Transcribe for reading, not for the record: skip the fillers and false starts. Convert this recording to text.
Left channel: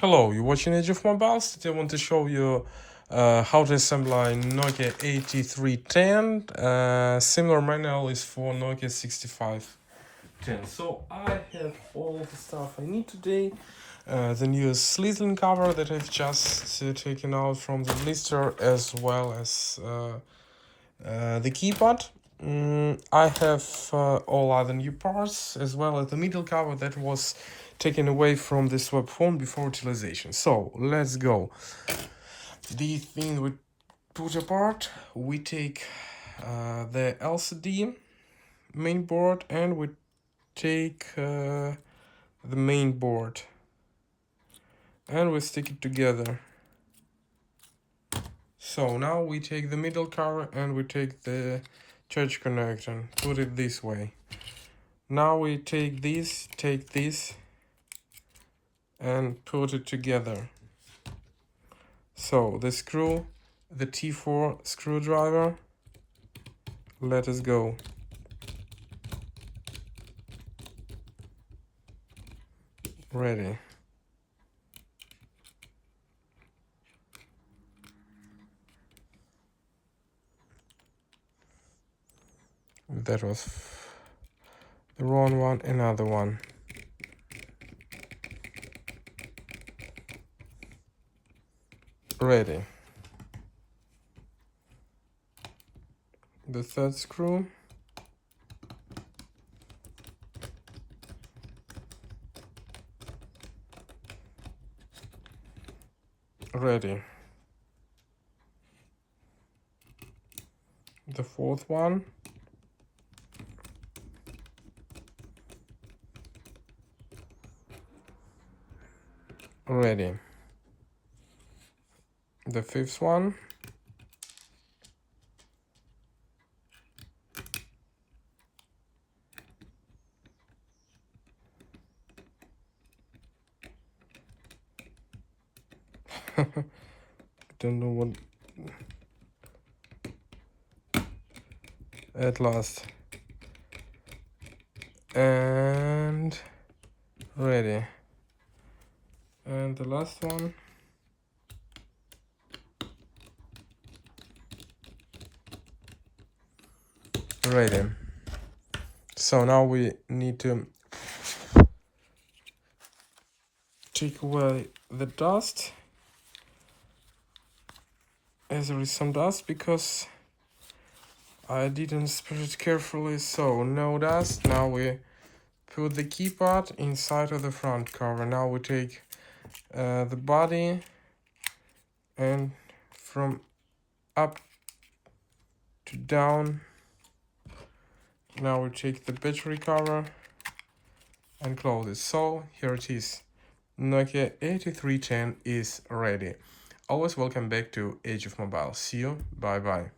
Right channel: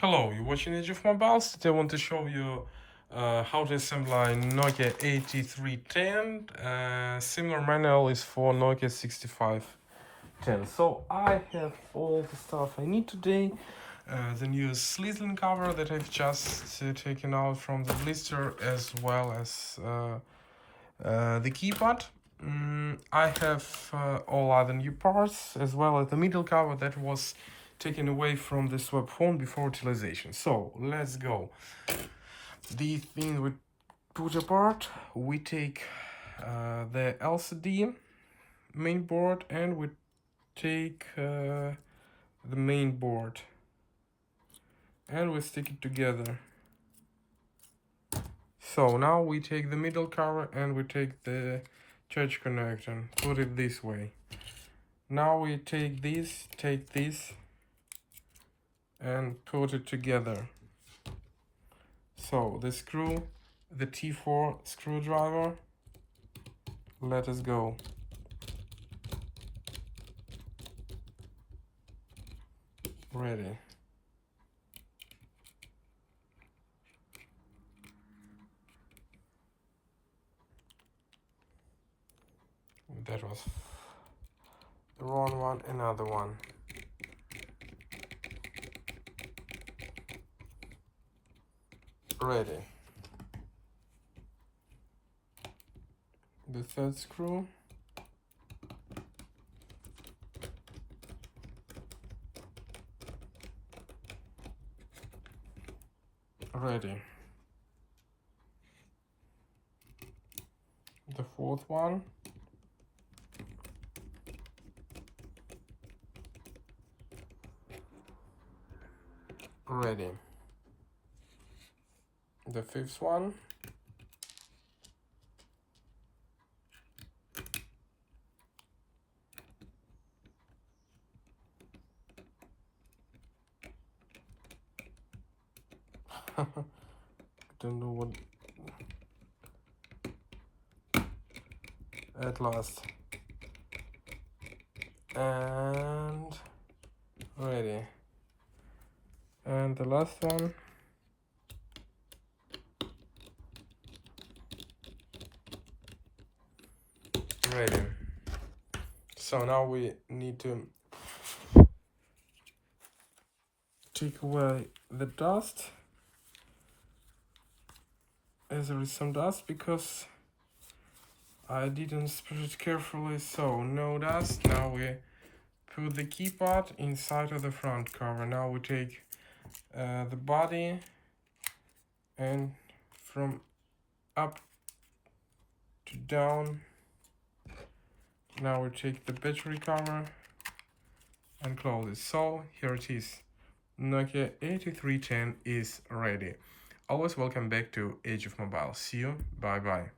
Hello, you're watching Age of Mobiles. Today I want to show you how to assemble a Nokia 8310. Similar manual is for Nokia 6510. So I have all the stuff I need today. The new Slizzling cover that I've just taken out from the blister, as well as the keypad. I have all other new parts, as well as the middle cover that was taken away from the swap phone before utilization. So let's go. The thing we put apart, we take the LCD main board and we take the main board and we stick it together. So now we take the middle cover and we take the charge connector, put it this way. Now we take this and put it together. So the screw, the T4 screwdriver, let us go. Ready. That was the wrong one, another one. Ready. The third screw. Ready. The fourth one. Ready. The fifth one. Don't know what. At last. And ready. And the last one. Ready. So now we need to take away the dust, as there is some dust because I didn't spread it carefully, so no dust. Now we put the keypad inside of the front cover. Now we take the body and from up to down. Now we take the battery cover and close it. So here it is. Nokia 8310 is ready. Always welcome back to Age of Mobile. See you. Bye bye.